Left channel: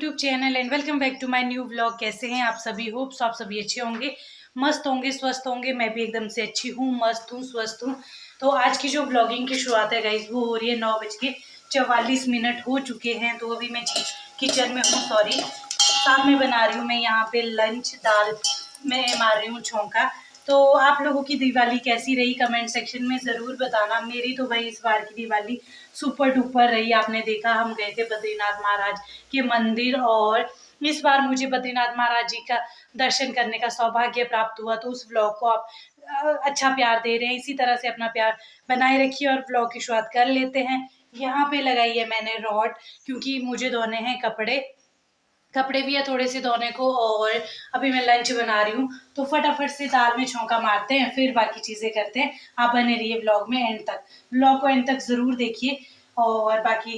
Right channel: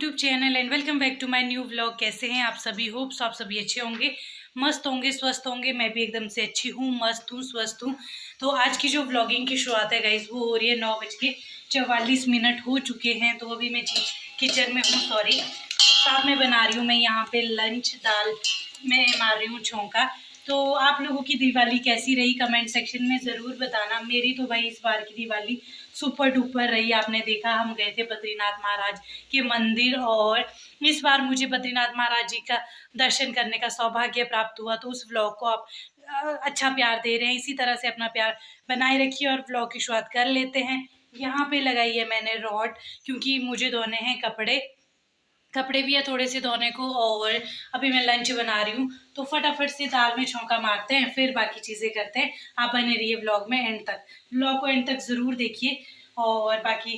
YouTube channel and welcome back to my new vlog. कैसे हैं आप सभी? होप्स आप सभी अच्छे होंगे, मस्त होंगे, स्वस्थ होंगे। मैं भी एकदम से अच्छी हूँ, मस्त हूँ, स्वस्थ हूँ। तो आज की जो व्लॉगिंग की शुरुआत है गाइस, वो हो रही है 9:44 हो चुके हैं। तो अभी मैं किचन में हूँ, सॉरी, साथ में बना रही हूँ मैं यहाँ पे लंच। दाल में मार रही हूँ छौंका। तो आप लोगों की दिवाली कैसी रही कमेंट सेक्शन में ज़रूर बताना। मेरी तो भाई इस बार की दिवाली सुपर डुपर रही। आपने देखा हम गए थे बद्रीनाथ महाराज के मंदिर, और इस बार मुझे बद्रीनाथ महाराज जी का दर्शन करने का सौभाग्य प्राप्त हुआ। तो उस व्लॉग को आप अच्छा प्यार दे रहे हैं, इसी तरह से अपना प्यार बनाए रखिए और व्लॉग की शुरुआत कर लेते हैं। यहाँ पे लगाई है मैंने रॉड, क्योंकि मुझे धोने हैं कपड़े भी है थोड़े से धोने को, और अभी मैं लंच बना रही हूँ। तो फटाफट से दाल में छौंका मारते हैं, फिर बाकी चीज़ें करते हैं। आप बने रहिए व्लॉग में एंड तक, व्लॉग को एंड तक ज़रूर देखिए। और बाकी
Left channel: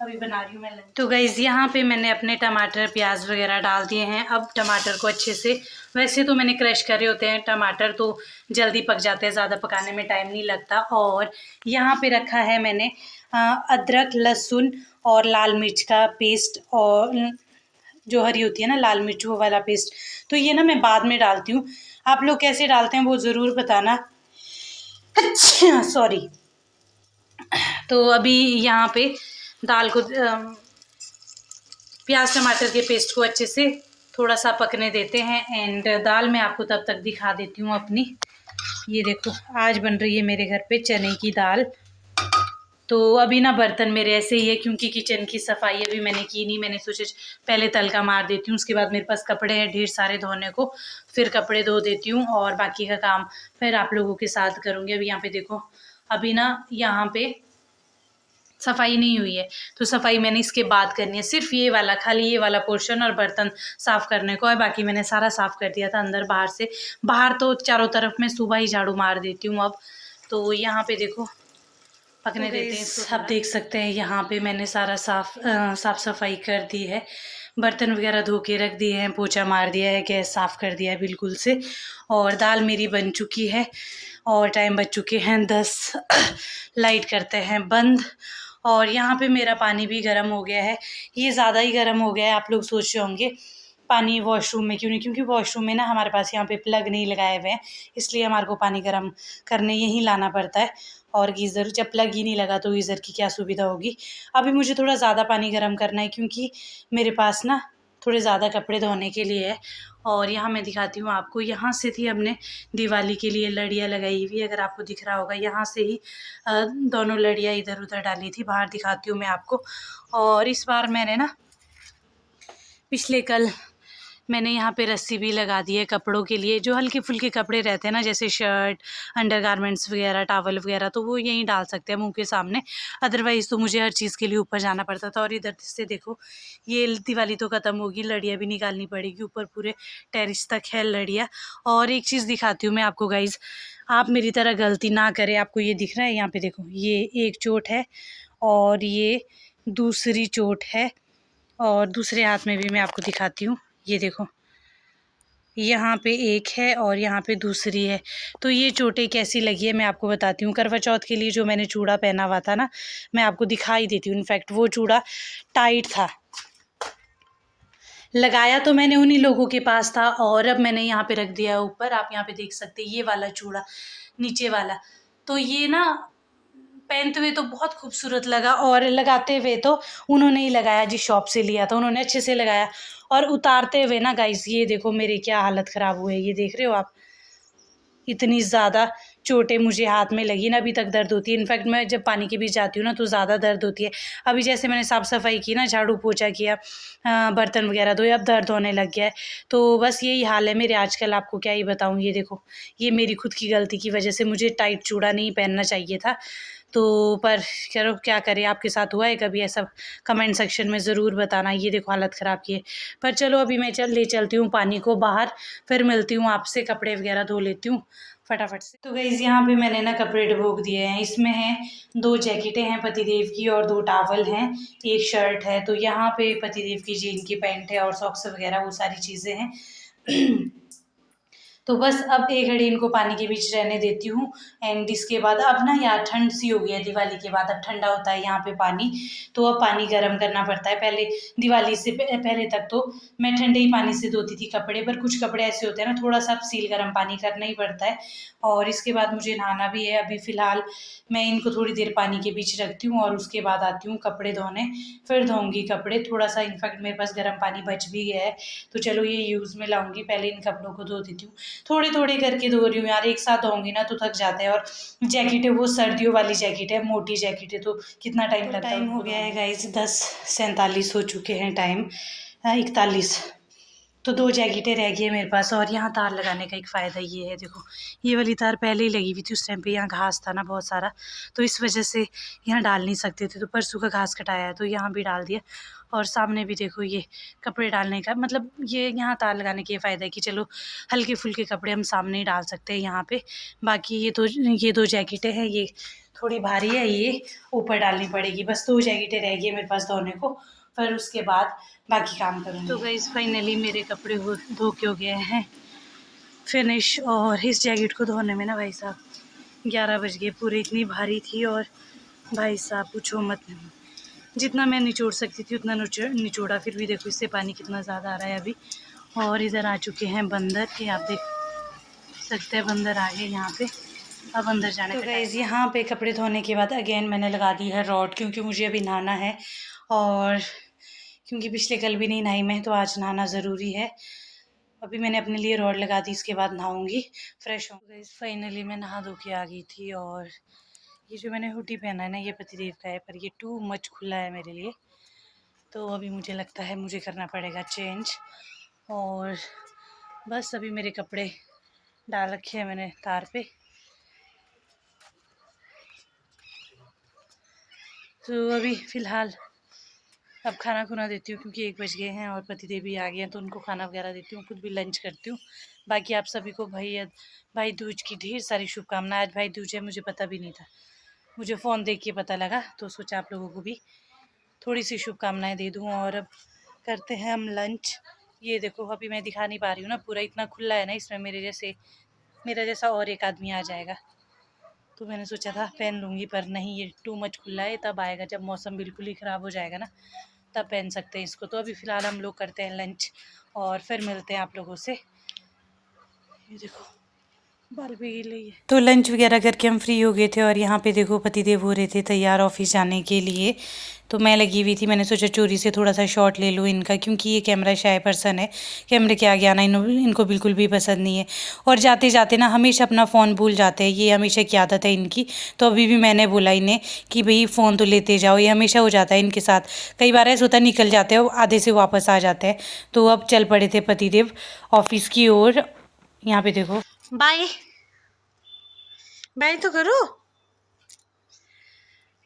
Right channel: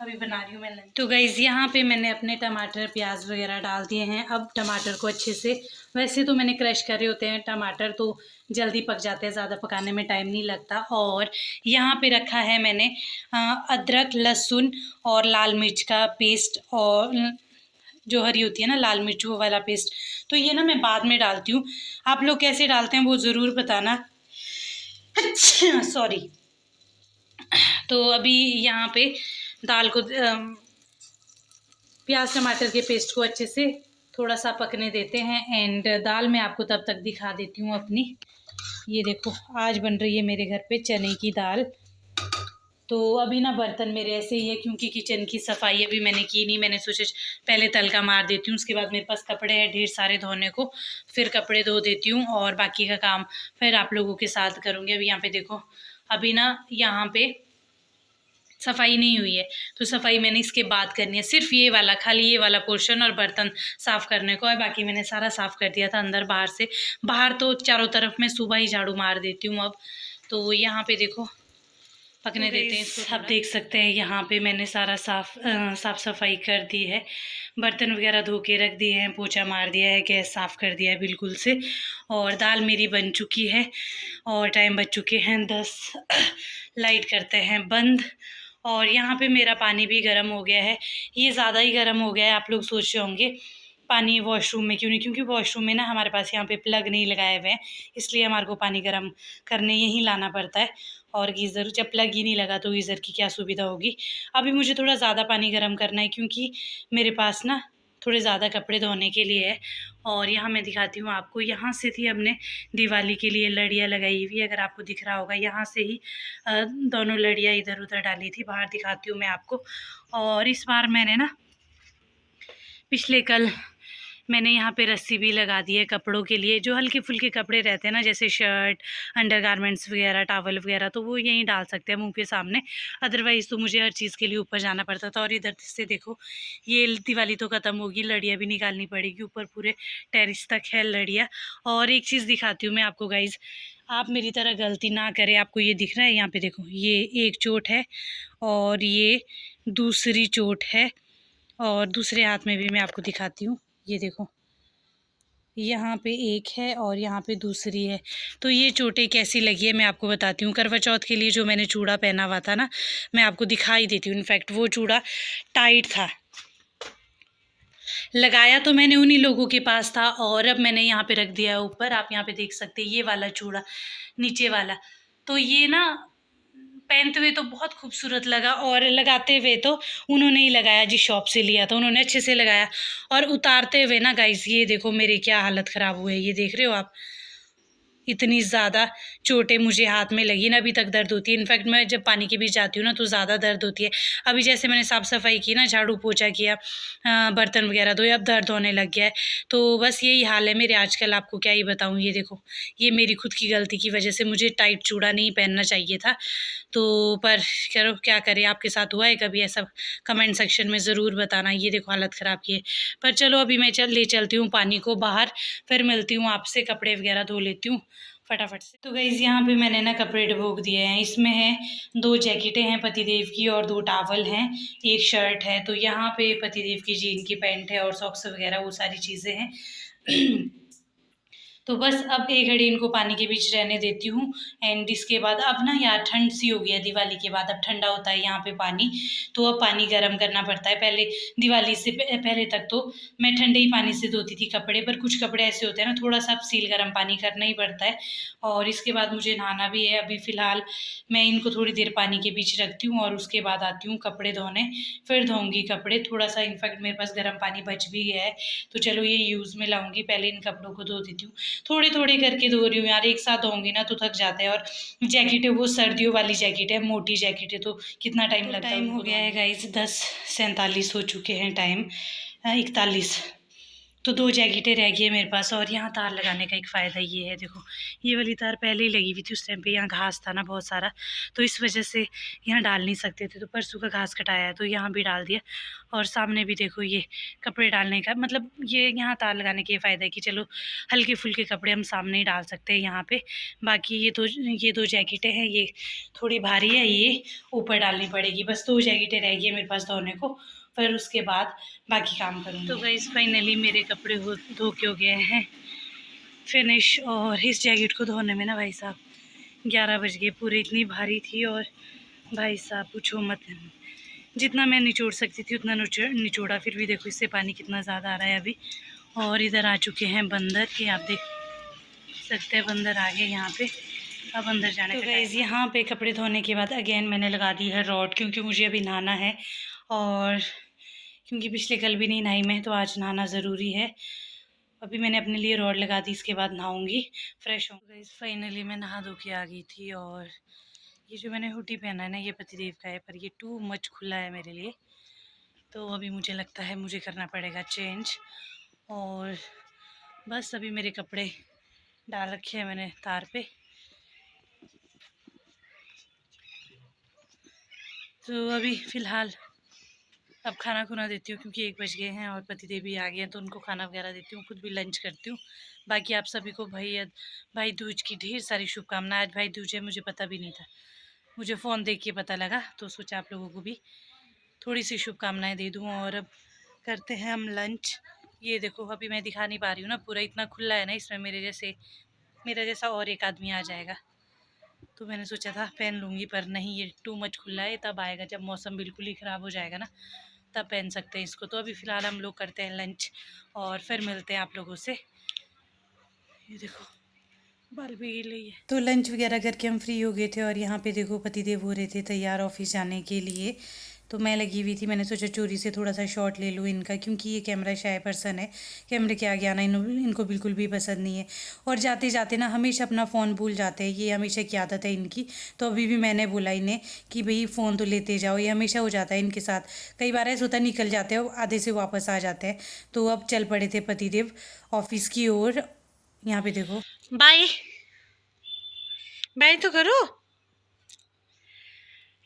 अभी बना रही हूँ मैं लंच। तो गाइज़ यहाँ पे मैंने अपने टमाटर प्याज वगैरह डाल दिए हैं। अब टमाटर को अच्छे से, वैसे तो मैंने क्रश करे होते हैं टमाटर, तो जल्दी पक जाते हैं, ज़्यादा पकाने में टाइम नहीं लगता। और यहाँ पे रखा है मैंने अदरक, लहसुन और लाल मिर्च का पेस्ट, और जो हरी होती है ना लाल मिर्च, वो वाला पेस्ट। तो ये ना मैं बाद में डालती हूँ। आप लोग कैसे डालते हैं वो ज़रूर बताना। सॉरी। तो अभी यहाँ पे दाल को प्याज टमाटर के पेस्ट को अच्छे से थोड़ा सा पकने देते हैं। एंड दाल मैं आपको तब तक दिखा देती हूँ अपनी। ये देखो, आज बन रही है मेरे घर पे चने की दाल। तो अभी ना बर्तन मेरे ऐसे ही है, क्योंकि किचन की सफाई अभी मैंने की नहीं। मैंने सोचा पहले तड़का मार देती हूँ, उसके बाद मेरे पास कपड़े हैं ढेर सारे धोने को, फिर कपड़े धो देती हूँ और बाकी का काम फिर आप लोगों के साथ करूँगी। अभी यहाँ पे देखो, अभी ना यहाँ पे सफाई नहीं हुई है, तो सफाई मैंने इसके बाद करनी है। सिर्फ ये वाला, खाली ये वाला पोर्शन और बर्तन साफ़ करने को है, बाकी मैंने सारा साफ़ कर दिया था अंदर बाहर से। बाहर तो चारों तरफ मैं सुबह ही झाड़ू मार देती हूँ अब। तो यहाँ पे देखो पकने देते हैं इसको। आप देख सकते हैं यहाँ पे मैंने सारा साफ सफाई कर दी है, बर्तन वगैरह धो के रख दिए हैं, पोछा मार दिया है, गैस साफ़ कर दिया है बिल्कुल से। और दाल मेरी बन चुकी है और टाइम बज चुके हैं 10। लाइट करते हैं बंद। और यहाँ पे मेरा पानी भी गर्म हो गया है। ये ज़्यादा ही गर्म हो गया है। आप लोग सोच रहे होंगे पानी वॉशरूम में क्यों नहीं, क्योंकि वॉशरूम में ना हमारे पास यहाँ पे प्लग नहीं लगाए हुए हैं, इसलिए हमारे को पानी गर्म करने यहीं लाना पड़ता है। और गीज़र, जब प्लग ही नहीं लगा तो गीज़र की क्या सुविधा होगी। अभी मुझे थोड़ा ज़्यादा पानी गर्म करना है, क्योंकि मेरे पास ना थोड़े ज़्यादा कपड़े धोने के लिए है। और यहाँ मैं दिखाती हूँ आपको, यहाँ से थी हमने दिवाली के लिए लड़ियाँ लगाई हुई, अगर आपको दिख रहा होगा यहाँ से ही दोनों लड़ियाँ इधर उधर डाली थी। बाहर दिखाती हूँ मैं आपको। और इस बार मैंने ना पिछले कल मैंने यहाँ पे रस्सी भी लगा दी है कपड़ों के लिए। जो हल्के फुल्के कपड़े रहते हैं ना, जैसे शर्ट, अंडरगारमेंट्स वगैरह, टॉवल वगैरह, तो वो यहीं डाल सकते हैं मुंह के सामने। अदरवाइज़ तो मुझे हर चीज़ के लिए ऊपर जाना पड़ता था। और इधर से देखो, ये दिवाली तो ख़त्म होगी, लड़ियाँ भी निकालनी पड़ेगी। ऊपर पूरे टेरिस तक है लड़ियाँ। और एक चीज़ दिखाती हूँ मैं आपको गाइज़, आप मेरी तरह गलती ना करें। आपको ये दिख रहा है, यहाँ पे देखो, ये एक चोट है और ये दूसरी चोट है। और दूसरे हाथ में भी मैं आपको दिखाती हूँ, ये देखो, यहाँ पे एक है और यहाँ पे दूसरी है। तो ये चोटें कैसी लगी है मैं आपको बताती हूँ। करवा चौथ के लिए जो मैंने चूड़ा पहना हुआ था ना, मैं आपको दिखाई देती हूँ। इनफैक्ट वो चूड़ा टाइट था, लगाया तो मैंने उन्हीं लोगों के पास था, और अब मैंने यहाँ पे रख दिया है ऊपर। आप यहाँ पे देख सकते हैं ये वाला चूड़ा, नीचे वाला। तो ये ना पहनते हुए तो बहुत खूबसूरत लगा, और लगाते हुए तो उन्होंने ही लगाया, जिस शॉप से लिया था उन्होंने अच्छे से लगाया। और उतारते हुए ना गाइस, ये देखो मेरी क्या हालत ख़राब हुई है, ये देख रहे हो आप। इतनी ज़्यादा चोटें मुझे हाथ में लगी ना, अभी तक दर्द होती है। इनफैक्ट मैं जब पानी के बीच जाती हूँ ना, तो ज़्यादा दर्द होती है। अभी जैसे मैंने साफ़ सफाई की ना, झाड़ू पोछा किया, बर्तन वगैरह धोए, अब दर्द होने लग गया है। तो बस यही हाल है मेरे आजकल, आपको क्या ही बताऊँ। ये देखो, ये मेरी खुद की गलती की वजह से मुझे टाइट चूड़ा नहीं पहनना चाहिए था। तो पर चलो क्या करें, आपके साथ हुआ है कभी ऐसा? कमेंट सेक्शन में ज़रूर बताना। ये देखो हालत ख़राब की है। पर चलो अभी मैं ले चलती हूँ पानी को बाहर, फिर मिलती हूँ आपसे, कपड़े वगैरह धो लेती हूँ फटाफट से। तो गाइस यहाँ पे मैंने ना कपड़े डुबोक दिए हैं। इसमें है 2 जैकेटें हैं पतिदेव की और 2 टॉवल हैं, एक शर्ट है। तो यहाँ पे पतिदेव की जीन की पैंट है और सॉक्स वगैरह वो सारी चीज़ें हैं। तो बस अब एक घड़ी इनको पानी के बीच रहने देती हूँ। एंड इसके बाद अब ना यहाँ ठंड सी हो गई है, दिवाली के बाद अब ठंडा होता है यहाँ पे पानी, तो अब पानी गर्म करना पड़ता है। पहले दिवाली से पहले तक तो मैं ठंडे ही पानी से धोती थी कपड़े, पर कुछ कपड़े ऐसे होते हैं ना, थोड़ा सा अब सील गर्म पानी करना ही पड़ता है। और इसके बाद मुझे नहाना भी है। अभी फ़िलहाल मैं इनको थोड़ी देर पानी के बीच रखती हूँ और उसके बाद आती हूँ कपड़े धोने, फिर धोऊंगी कपड़े। थोड़ा सा इनफैक्ट मेरे पास गर्म पानी बच भी गया है, तो चलो ये यूज़ में लाऊंगी। पहले इन कपड़ों को धो देती हूँ, थोड़ी थोड़ी करके धो रही हूँ यार, एक साथ धोऊंगी ना तो थक जाते हैं। और जैकेट है वो सर्दियों वाली जैकेट है, मोटी जैकेट है, तो कितना टाइम लगता है। टाइम हो गया है गाइस, 10:47 हो चुके हैं, टाइम 41। तो 2 जैकेटें रह गई है मेरे पास। और यहाँ तार लगाने का एक फ़ायदा ये है, देखो ये वाली तार पहले ही लगी हुई थी, उस टाइम पे यहाँ घास था ना बहुत सारा, तो इस वजह से यहाँ डाल नहीं सकते थे, तो परसों का घास कटाया है तो यहाँ भी डाल दिया। और सामने भी देखो ये कपड़े डालने का मतलब, ये यहाँ तार लगाने का ये फ़ायदा है कि चलो हल्के फुल्के कपड़े हम सामने ही डाल सकते हैं यहाँ पे। बाकी ये दो जैकेटें हैं, ये थोड़ी भारी है, ये ऊपर डालनी पड़ेगी। बस 2 जैकेटें रह गई है मेरे पास धोने को, फिर उसके बाद बाकी काम करूँगी। तो गाइस फाइनली मेरे कपड़े धो के हो गए हैं फिनिश। और इस जैकेट को धोने में ना भाई साहब 11 बज गए पूरे, इतनी भारी थी। और भाई साहब पूछो मत, जितना मैं निचोड़ सकती थी उतना निचोड़ा, फिर भी देखो इससे पानी कितना ज़्यादा आ रहा है अभी। और इधर आ चुके हैं बंदर, के आप देख सकते हैं बंदर आ गए यहाँ पे, अब अंदर जाने तो गाइस यहाँ पे कपड़े धोने के बाद अगेन मैंने लगा दी है रॉड, क्योंकि मुझे अभी नहाना है। और क्योंकि पिछले कल भी नहीं नहाई मैं, तो आज नहाना ज़रूरी है। अभी मैंने अपने लिए रॉड लगा दी, इसके बाद नहाऊंगी, फ्रेश हूँ। गाइस फाइनली मैं नहा धो के आ गई थी। और ये जो मैंने हुडी पहना है ना, ये पतिदेव का है, पर ये टू मच खुला है मेरे लिए, तो अभी मुझे लगता है मुझे करना पड़ेगा चेंज। और बस अभी मेरे कपड़े डाल रखे हैं मैंने तार पे, तो अभी फ़िलहाल अब खाना खुना देती हूँ, क्योंकि 1 बज गए हैं और पतिदेव भी आ गए हैं, तो उनको खाना वगैरह देती हूँ, खुद भी लंच करती हूँ। बाकी आप सभी को भाई दूज की ढेर सारी शुभकामनाएं। आज भाई दूज है, मुझे पता भी नहीं था, मुझे फ़ोन देख के पता लगा, तो सोचा आप लोगों को भी थोड़ी सी शुभकामनाएं दे दूँ। और अब करते हैं हम लंच। ये देखो अभी मैं दिखा नहीं पा रही हूँ ना, पूरा इतना खुला है ना, इसमें मेरा जैसा और एक आदमी आ जाएगा, तो मैंने सोचा था पहन लूँगी, पर नहीं, ये टू मच खुला है, तब आएगा जब मौसम बिल्कुल ही ख़राब हो जाएगा ना, तब पहन सकते हैं इसको। तो अभी फ़िलहाल हम लोग करते हैं लंच और फिर मिलते हैं आप लोगों से। ये देखो बाल भी गिर रही है। तो लंच वगैरह करके हम फ्री हो गए थे, और यहाँ पे देखो पतिदेव हो रहे थे तैयार ऑफिस जाने के लिए, तो मैं लगी हुई थी, मैंने सोचा चोरी से थोड़ा सा शॉट ले लूँ इनका, क्योंकि ये कैमरा शाय पर्सन है, कैमरे के आगे आना इनको बिल्कुल भी पसंद नहीं है। और जाते जाते ना हमेशा अपना फ़ोन भूल जाते हैं, ये हमेशा की आदत है इनकी। तो अभी भी मैंने बोला इन्हें कि भाई फ़ोन तो लेते जाओ, ये हमेशा हो जाता है इनके साथ। कई बार ऐसा होता है निकल जाते हैं, आधे से वापस आ जाते हैं। तो अब चल पड़े थे पतिदेव ऑफिस की ओर। यहाँ पे देखो, बाय बाय तो करो।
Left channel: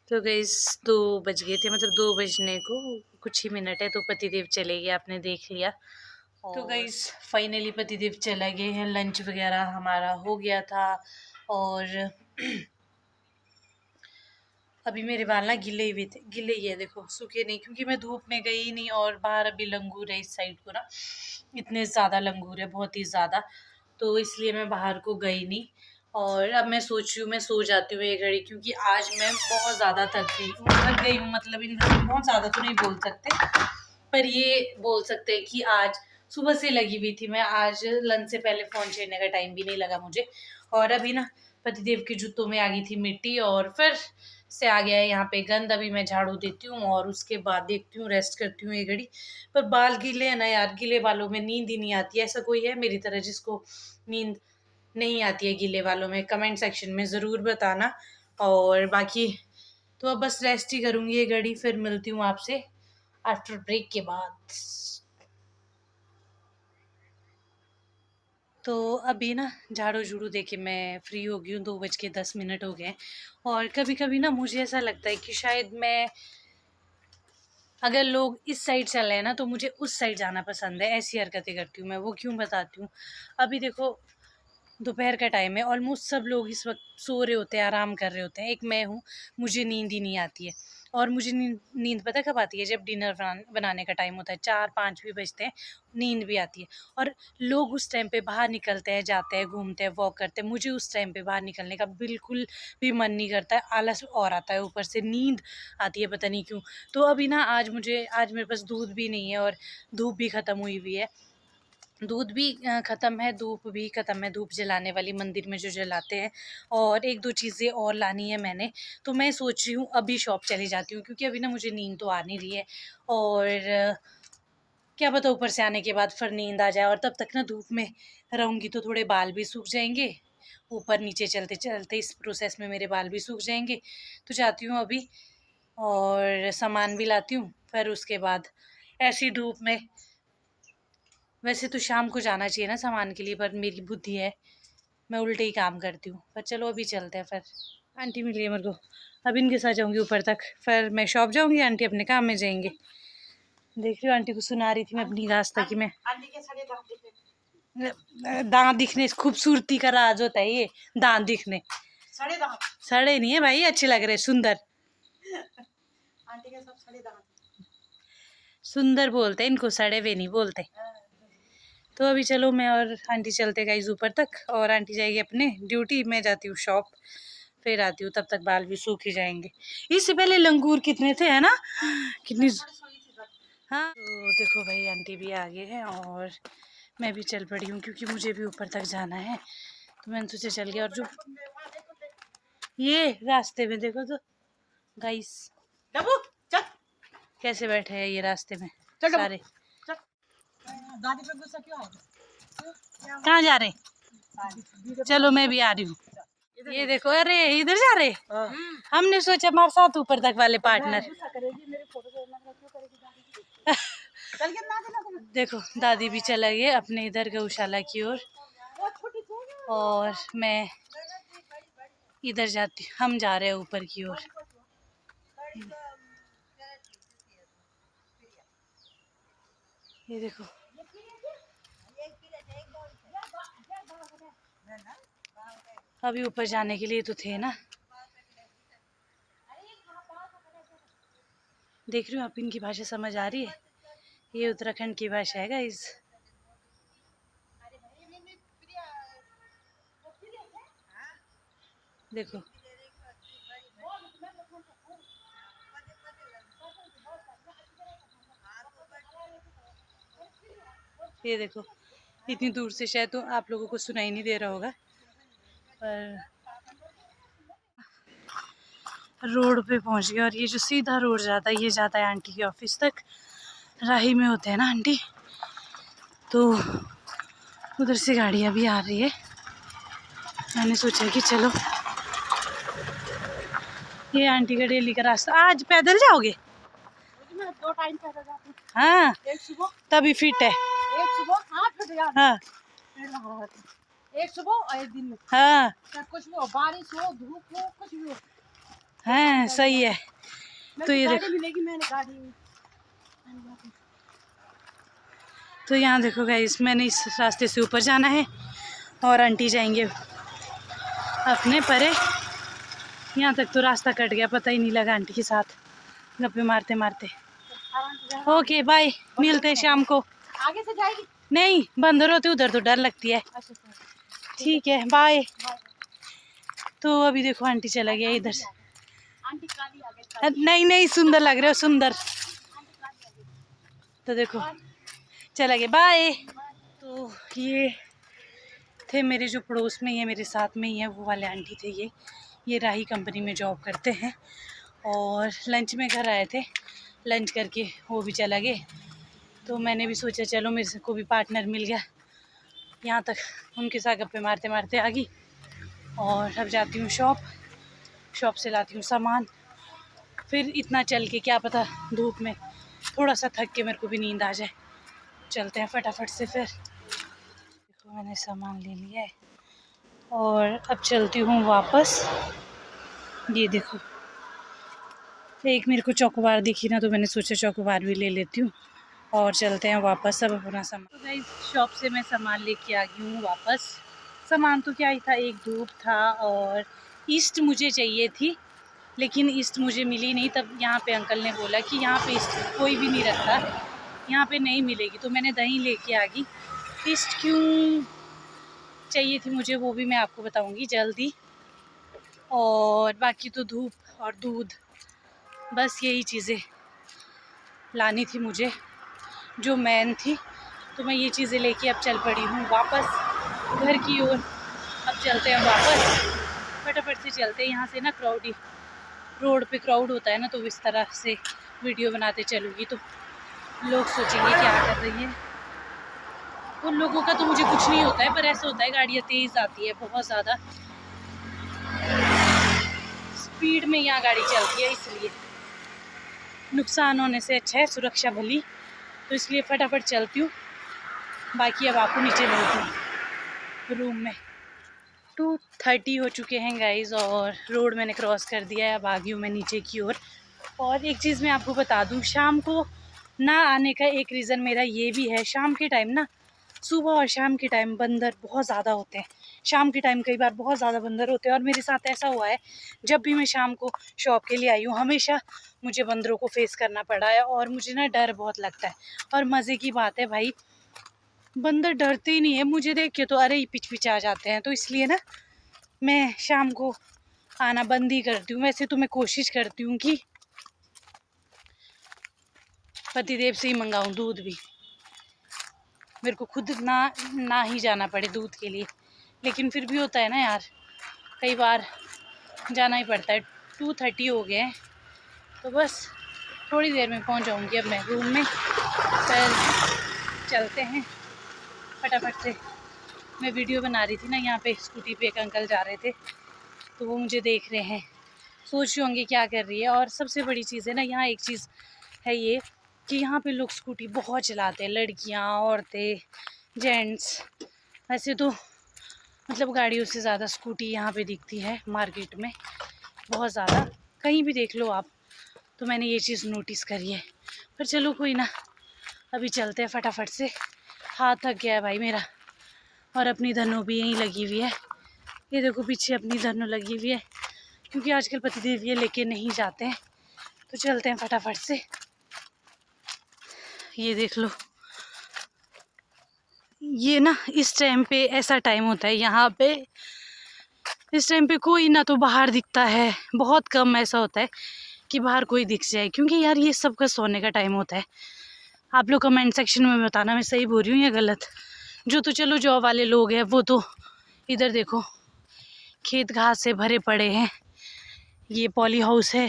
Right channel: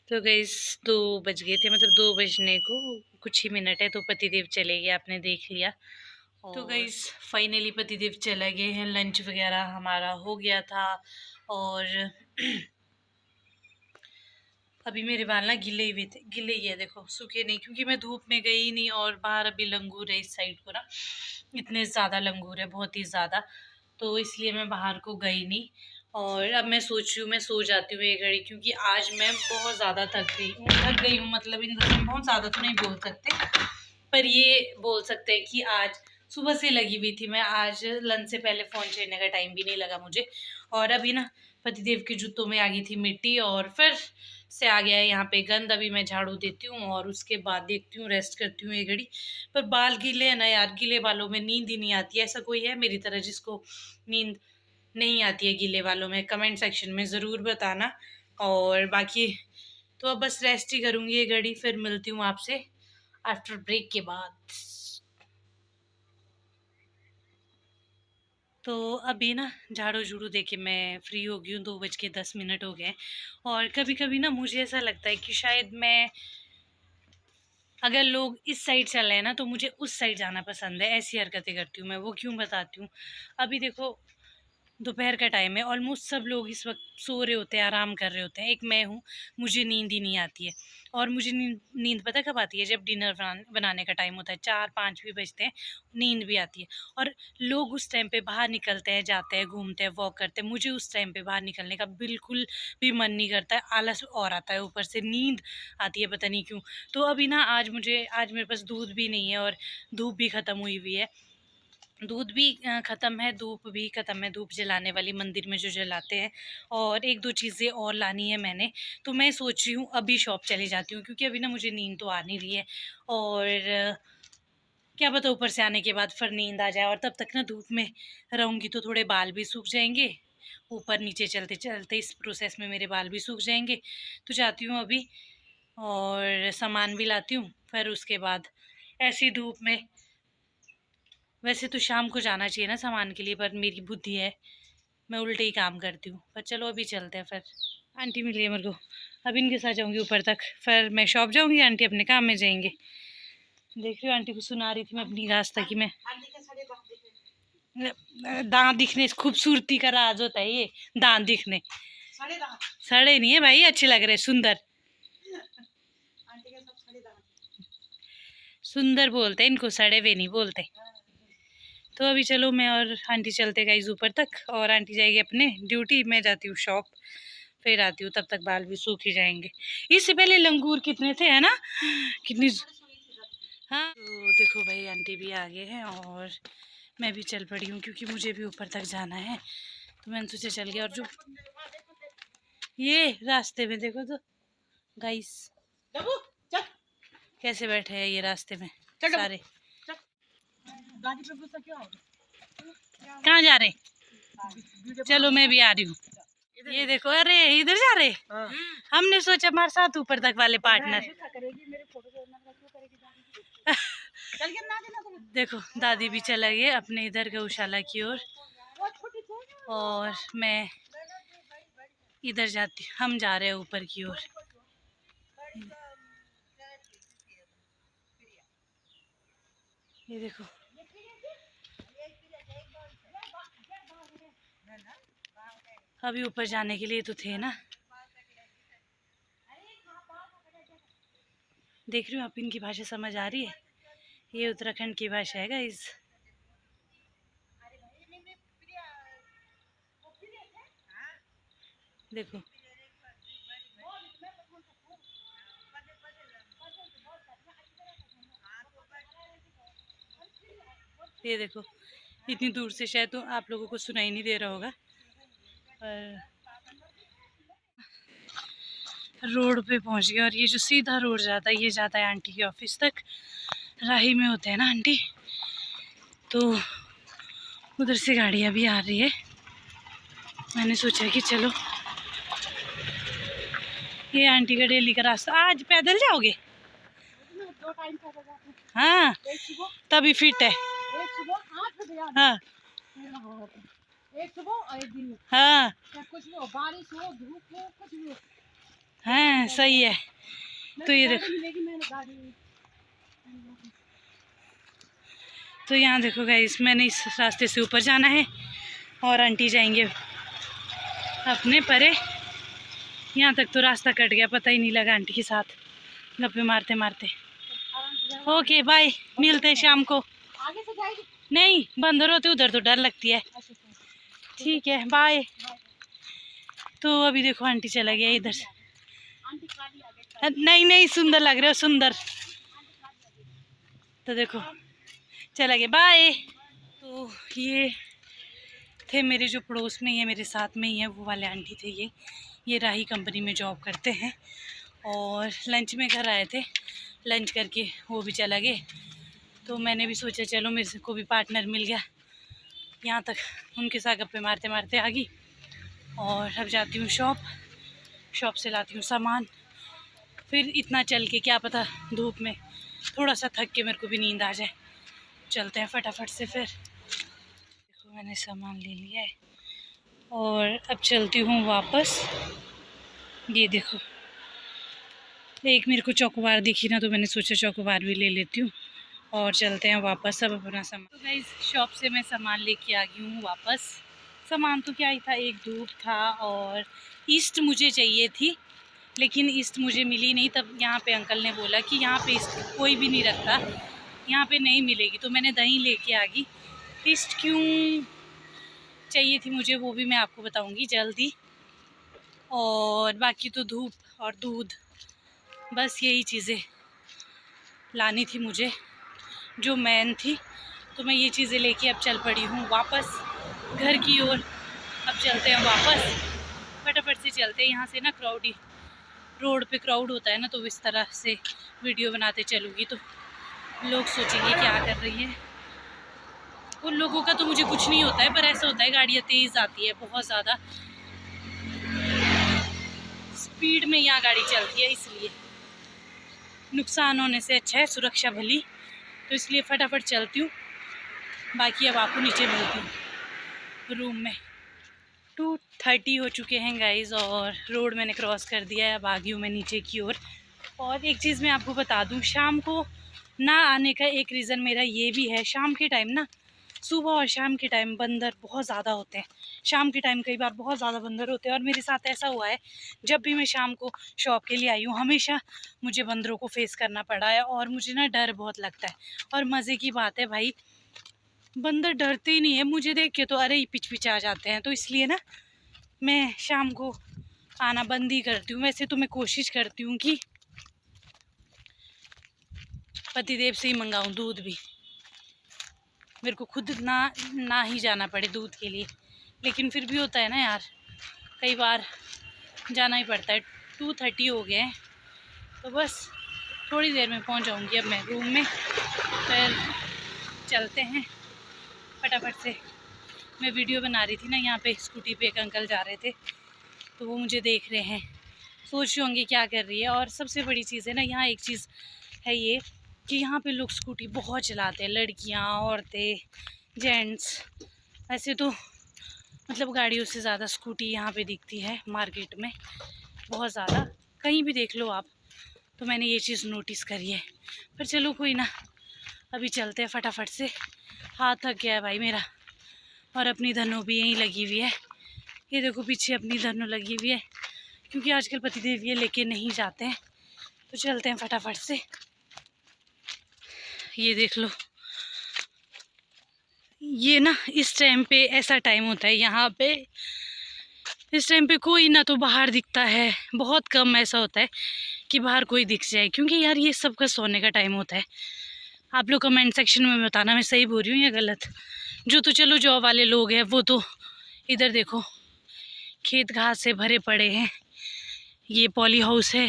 तो गाइस 2 बज गए थे, मतलब 2 बजने को कुछ ही मिनट है, तो पतिदेव चले गए, आपने देख लिया। तो गाइस फाइनली पतिदेव चला गए हैं, लंच वगैरह हमारा हो गया था। और अभी मेरे बाल ना गिले हुए थे, गिले ही है देखो, सूखे नहीं, क्योंकि मैं धूप में गई नहीं। और बाहर अभी लंगूर है इस साइड को ना, इतने ज़्यादा लंगूर है, बहुत ही ज़्यादा, तो इसलिए मैं बाहर को गई नहीं। और अब मैं सोच रही हूँ मैं सो जाती हूँ एक घड़ी, क्योंकि आज मैं बहुत ज़्यादा थक गई हूँ, मतलब इन बहुत ज़्यादा तो नहीं बोल सकते, पर ये बोल सकते हैं कि आज सुबह से लगी हुई थी मैं। आज लंच से पहले फ़ोन छेड़ने का टाइम भी नहीं लगा मुझे। और अभी ना पतिदेव के जूतों में आ गई थी मिट्टी, और फिर से आ गया है यहाँ पे गंद। अभी मैं झाड़ू देती हूँ और उसके बाद देखती हूँ, रेस्ट करती हूँ एक घड़ी। पर बाल गीले हैं ना यार, गीले बालों में नींद ही नहीं आती है। ऐसा कोई है मेरी तरह जिसको नींद नहीं आती है गीले बालों में? कमेंट सेक्शन में ज़रूर बताना। और बाकी तो अब बस रेस्ट ही करूँगी एक घड़ी, फिर मिलती हूँ आपसे आफ्टर ब्रेक के बाद। तो अभी ना झाड़ू झूड़ू दे के मैं फ्री हो गई हूँ, 2:10 हो गए हैं। और कभी कभी ना मुझे ऐसा लगता है कि शायद मैं, अगर लोग इस साइड चल रहे हैं ना, तो मुझे उस साइड जाना पसंद है। ऐसी हरकतें करती हूँ मैं, वो क्यों बताती हूँ। अभी देखो दोपहर का टाइम है, ऑलमोस्ट सब लोग इस वक्त सो रहे होते हैं, आराम कर रहे होते हैं। एक मैं हूँ, मुझे नींद ही नहीं आती है। और मुझे नींद पता कब आती है? जब डिनर बनाने का टाइम होता है, 4-5 भी बजते हैं, नींद भी आती है। और लोग उस टाइम पे बाहर निकलते हैं, जाते हैं, घूमते हैं, वॉक करते हैं। मुझे उस टाइम पे बाहर निकलने का बिल्कुल भी मन नहीं करता है, आलस और आता है, ऊपर से नींद आती है पता नहीं क्यों। तो अभी ना आज मेरे पास दूध भी नहीं है और धूप भी ख़त्म हुई हुई है। दूध भी ख़त्म है, धूप भी ख़त्म है, धूप जलाने वाली मंदिर में जो जलाते हैं। और 1-2 चीज़ें और लानी है मैंने, तो मैं सोच रही हूँ अभी शॉप चली जाती हूँ, क्योंकि अभी ना मुझे नींद तो आ नहीं रही है। और क्या पता ऊपर से आने के बाद फिर नींद आ जाए, और तब तक ना धूप में रहूँगी तो थोड़े बाल भी सूख जाएंगे। ऊपर नीचे चलते चलते इस प्रोसेस में मेरे बाल भी सूख जाएंगे। तो जाती हूँ अभी और सामान भी लाती हूँ, फिर उसके बाद ऐसी धूप में, वैसे तो शाम को जाना चाहिए ना सामान के लिए, पर मेरी बुद्धि है, मैं उल्टे ही काम करती हूँ। पर चलो अभी चलते हैं। फिर आंटी मिल गई मेरे को, अब इनके साथ जाऊँगी ऊपर तक, फिर मैं शॉप जाऊँगी, आंटी अपने काम में जाएंगे। देख रही हूँ आंटी को सुना रही थी मैं अपनी रास्ता की। मैं दांत दिखने, खूबसूरती का राज होता है ये, दांत दिखने। सड़े नहीं है भाई, अच्छे लग रहे, सुंदर। आंटी के सब सड़े दांत, सुंदर बोलते हैं इनको, सड़े हुए नहीं बोलते। तो अभी चलो मैं और आंटी चलते गाइस ऊपर तक, और आंटी जाएगी अपने ड्यूटी, मैं जाती हूँ शॉप, फिर आती हूँ। तब तक बाल भी सूख ही जाएंगे। इससे पहले लंगूर कितने थे, है ना? कितनी। हाँ, तो देखो भाई आंटी भी आ गए हैं और मैं भी चल पड़ी हूँ, क्योंकि मुझे भी ऊपर तक जाना है। तो मैंने सोचा चल गया। और जो ये रास्ते में देखो तो गाइस कैसे बैठे हैं ये रास्ते में सारे। कहाँ जा रहे? चलो मैं भी आ रही हूँ। ये देखो, अरे इधर जा रहे। हमने सोचा हमारे साथ ऊपर तक वाले पार्टनर। देखो दादी भी चला गई अपने इधर गौशाला की ओर, और मैं इधर जाती, हम जा रहे हैं ऊपर की ओर। ये देखो, अभी ऊपर जाने के लिए तो थे ना। देख रही हूँ आप, इनकी भाषा समझ आ रही है? ये उत्तराखंड की भाषा है गाइस। देखो ये देखो, इतनी दूर से शायद तो आप लोगों को सुनाई नहीं दे रहा होगा, पर रोड पे पहुंच गया। और ये जो सीधा रोड जाता है, ये जाता है आंटी के ऑफिस तक। राही में होते हैं ना आंटी, तो उधर से गाड़ियाँ भी आ रही है। मैंने सोचा कि चलो, ये आंटी का डेली का रास्ता। आज पैदल जाओगे? 2 टाइम पैदल जाते हैं। हाँ, तभी फिट है। एक सुबह, हाँ, एक सुबह और एक दिन में। हाँ, कुछ भी हो, बारिश हो, धूप हो, कुछ भी हो। हाँ सही है। तो ये देखो, तो यहाँ देखो गाइस, मैंने इस रास्ते से ऊपर जाना है और आंटी जाएंगे अपने परे। यहाँ तक तो रास्ता कट गया, पता ही नहीं लगा आंटी के साथ गप्पे मारते मारते। ओके बाय, मिलते हैं शाम को। आगे से जाएगी? नहीं, बंदर होते उधर तो डर लगती है। ठीक है बाय। तो अभी देखो आंटी चला गया इधर से। नहीं नहीं, सुंदर लग रहे हो, सुंदर। तो देखो चला गया, बाय। तो ये थे मेरे जो पड़ोस में ही है, मेरे साथ में ही है, वो वाले आंटी थे। ये राही कंपनी में जॉब करते हैं, और लंच में घर आए थे, लंच करके वो भी चला गए। तो मैंने भी सोचा चलो मेरे को भी पार्टनर मिल गया, यहाँ तक उनके साथ गप्पे मारते मारते आ गई। और अब जाती हूँ शॉप से लाती हूँ सामान, फिर इतना चल के क्या पता धूप में थोड़ा सा थक के मेरे को भी नींद आ जाए। चलते हैं फटाफट से। फिर देखो मैंने सामान ले लिया है और अब चलती हूँ वापस। ये देखो, एक मेरे को चॉकोबार दिखी ना, तो मैंने सोचा चॉकोबार भी ले लेती हूँ और चलते हैं वापस। अब अपना सामान, तो गाइस शॉप से मैं सामान लेके आ गई हूँ वापस। सामान तो क्या ही था, एक धूप था और ईस्ट मुझे चाहिए थी, लेकिन ईस्ट मुझे मिली नहीं। तब यहाँ पे अंकल ने बोला कि यहाँ पे ईस्ट कोई भी नहीं रखता, यहाँ पे नहीं मिलेगी, तो मैंने दही लेके आ गई। ईस्ट क्यों चाहिए थी मुझे वो भी मैं आपको बताऊँगी जल्दी। और बाकी तो धूप और दूध, बस यही चीज़ें लानी थी मुझे जो मेन थी। तो मैं ये चीज़ें लेके अब चल पड़ी हूँ वापस घर की ओर। अब चलते हैं वापस, फटाफट से चलते हैं यहाँ से ना। क्राउडी रोड पे क्राउड होता है ना, तो इस तरह से वीडियो बनाते चलूँगी तो लोग सोचेंगे क्या कर रही है। उन लोगों का तो मुझे कुछ नहीं होता है, पर ऐसा होता है गाड़ियाँ तेज़ आती है, बहुत ज़्यादा स्पीड में यहाँ गाड़ी चलती है, इसलिए नुकसान होने से अच्छा है सुरक्षा भली। तो इसलिए फटाफट चलती हूँ। बाकी अब आपको नीचे मिलती हूँ रूम में। 2:30 हो चुके हैं गाइस और रोड मैंने क्रॉस कर दिया है। अब आ गई हूँ मैं नीचे की ओर। और एक चीज़ मैं आपको बता दूँ, शाम को ना आने का एक रीज़न मेरा ये भी है, शाम के टाइम ना, सुबह और शाम के टाइम बंदर बहुत ज़्यादा होते हैं। शाम के टाइम कई बार बहुत ज़्यादा बंदर होते हैं और मेरे साथ ऐसा हुआ है, जब भी मैं शाम को शॉप के लिए आई हूँ हमेशा मुझे बंदरों को फेस करना पड़ा है और मुझे ना डर बहुत लगता है। और मज़े की बात है भाई, बंदर डरते ही नहीं है, मुझे देख के तो अरे पिच आ जाते हैं। तो इसलिए ना मैं शाम को आना बंद ही करती हूँ। वैसे तो मैं कोशिश करती हूँ कि पतिदेव से ही मंगाऊँ दूध भी, मेरे को खुद ना ही जाना पड़े दूध के लिए, लेकिन फिर भी होता है ना यार, कई बार जाना ही पड़ता है। 2:30 हो गए हैं, तो बस थोड़ी देर में पहुंच जाऊंगी अब मैं रूम में। फिर चलते हैं फटाफट से। मैं वीडियो बना रही थी ना, यहाँ पे स्कूटी पे एक अंकल जा रहे थे, तो वो मुझे देख रहे हैं, सोच रहे होंगे क्या कर रही है। और सबसे बड़ी चीज़ है ना, यहाँ एक चीज़ है ये कि यहाँ पे लोग स्कूटी बहुत चलाते हैं, लड़कियाँ, औरतें, जेंट्स। वैसे तो मतलब गाड़ियों से ज़्यादा स्कूटी यहाँ पे दिखती है मार्केट में, बहुत ज़्यादा, कहीं भी देख लो आप। तो मैंने ये चीज़ नोटिस करी है। पर चलो कोई ना, अभी चलते हैं फटाफट से। हाथ थक गया है भाई मेरा। और अपनी धनु भी यहीं लगी हुई है, ये देखो पीछे अपनी धनु लगी हुई है, क्योंकि आजकल पतिदेव ये लेके नहीं जाते हैं। तो चलते हैं फटाफट से। ये देख लो, ये ना इस टाइम पे ऐसा टाइम होता है यहाँ पे, इस टाइम पे कोई ना तो बाहर दिखता है, बहुत कम ऐसा होता है कि बाहर कोई दिख जाए, क्योंकि यार ये सबका सोने का टाइम होता है। आप लोग कमेंट सेक्शन में बताना मैं सही बोल रही हूँ या गलत। जो तो चलो जॉब वाले लोग हैं वो तो इधर देखो खेत घास से भरे पड़े हैं। ये पॉली हाउस है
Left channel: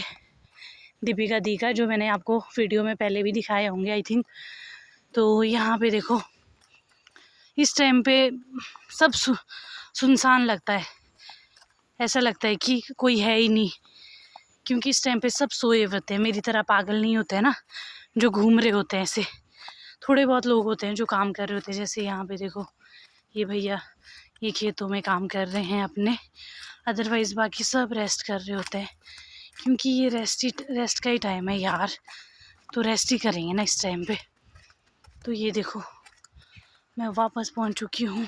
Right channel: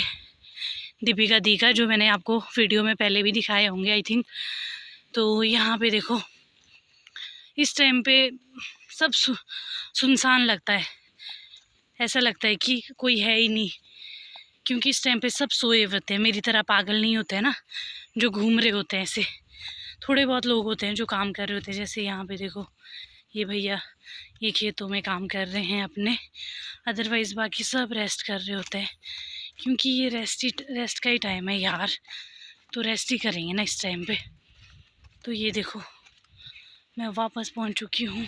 दीपिका दी का, जो मैंने आपको वीडियो में पहले भी दिखाए होंगे आई थिंक। तो यहाँ पे देखो इस टाइम पे सब सुनसान लगता है, ऐसा लगता है कि कोई है ही नहीं, क्योंकि इस टाइम पे सब सोए होते हैं। मेरी तरह पागल नहीं होते हैं ना जो घूम रहे होते हैं, ऐसे थोड़े बहुत लोग होते हैं जो काम कर रहे होते हैं। जैसे यहाँ पे देखो ये भैया ये खेतों में काम कर रहे हैं अपने, अदरवाइज़ बाकी सब रेस्ट कर रहे होते हैं, क्योंकि ये रेस्ट का ही टाइम है यार, तो रेस्ट ही करेंगे ना इस टाइम पे। तो ये देखो मैं वापस पहुंच चुकी हूँ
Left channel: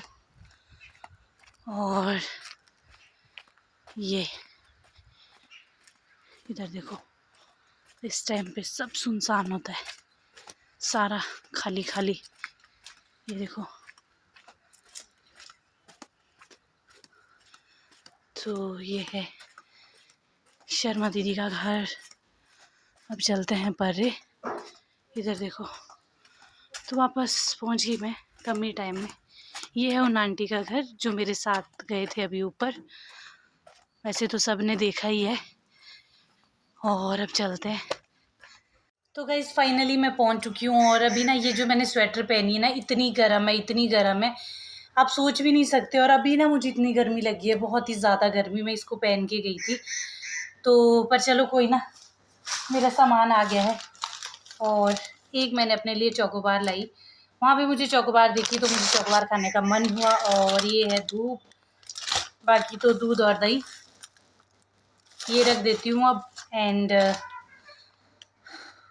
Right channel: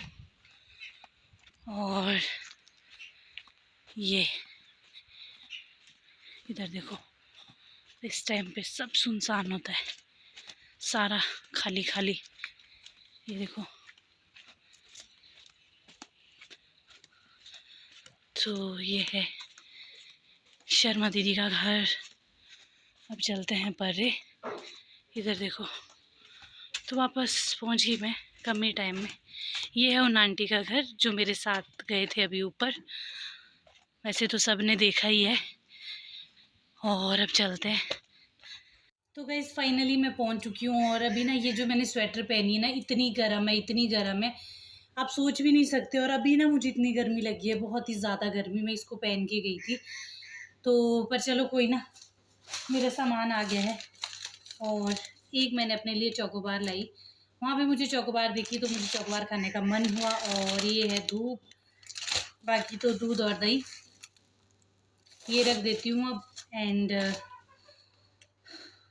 और ये इधर देखो इस टाइम पे सब सुनसान होता है, सारा खाली खाली। ये देखो, तो ये है शर्मा दीदी का घर। अब चलते हैं परे, इधर देखो। तो वापस पहुंच गई मैं कम ही टाइम में। ये है उन आंटी का घर जो मेरे साथ गए थे अभी ऊपर, वैसे तो सब ने देखा ही है। और अब चलते हैं। तो गाइस फाइनली मैं पहुंच चुकी हूँ और अभी ना ये जो मैंने स्वेटर पहनी है ना, इतनी गर्म है, इतनी गर्म है, आप सोच भी नहीं सकते। और अभी ना मुझे इतनी गर्मी लगी है, बहुत ही ज़्यादा गर्मी, मैं इसको पहन के गई थी। तो पर चलो कोई ना, मेरा सामान आ गया है। और एक मैंने अपने लिए चोकोबार लाई, वहाँ पे मुझे चोकोबार देखी तो मुझे चोकोबार खाने का मन हुआ। और ये है धूप, बाकी तो दूध और दही ये रख देती हूँ अब। एंड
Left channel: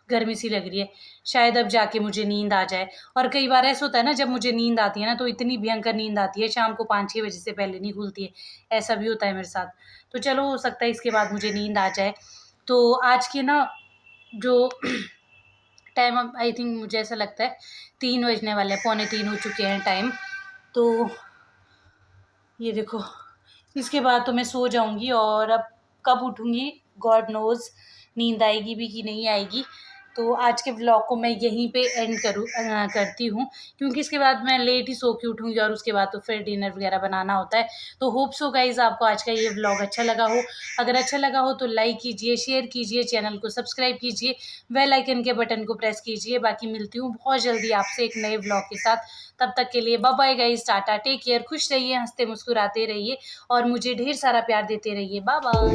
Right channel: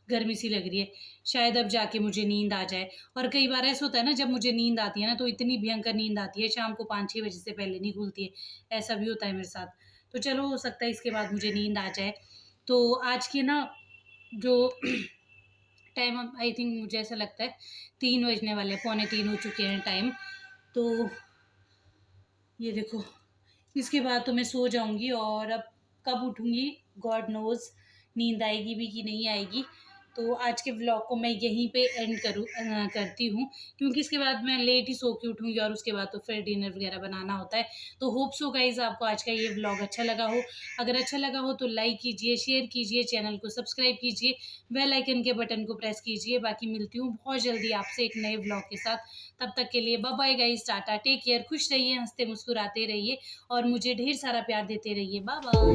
गर्मी सी लग रही है, शायद अब जाके मुझे नींद आ जाए। और कई बार ऐसा होता है ना, जब मुझे नींद आती है ना तो इतनी भयंकर नींद आती है, शाम को 5-6 बजे से पहले नहीं खुलती है, ऐसा भी होता है मेरे साथ। तो चलो हो सकता है इसके बाद मुझे नींद आ जाए। तो आज के ना जो टाइम, अब आई थिंक मुझे ऐसा लगता है 3 बजने वाले हैं, पौने 3 हो चुके हैं टाइम। तो ये देखो, इसके बाद तो मैं सो जाऊँगी और अब कब उठूँगी गॉड नोज़, नींद आएगी भी कि नहीं आएगी। तो आज के व्लॉग को मैं यहीं पे एंड करती हूँ, क्योंकि इसके बाद मैं लेट ही सो के उठूँगी और उसके बाद तो फिर डिनर वगैरह बनाना होता है। तो होप सो गाइज़ आपको आज का ये व्लॉग अच्छा लगा हो। अगर अच्छा लगा हो तो लाइक कीजिए, शेयर कीजिए, चैनल को सब्सक्राइब कीजिए, बेल आइकन के बटन को प्रेस कीजिए। बाकी मिलती हूँ बहुत जल्दी आपसे एक नए व्लॉग के साथ। तब तक के लिए bye bye guys, tata, take care, खुश रहिए, हँसते मुस्कुराते रहिए और मुझे ढेर सारा प्यार देते रहिए। Bye bye.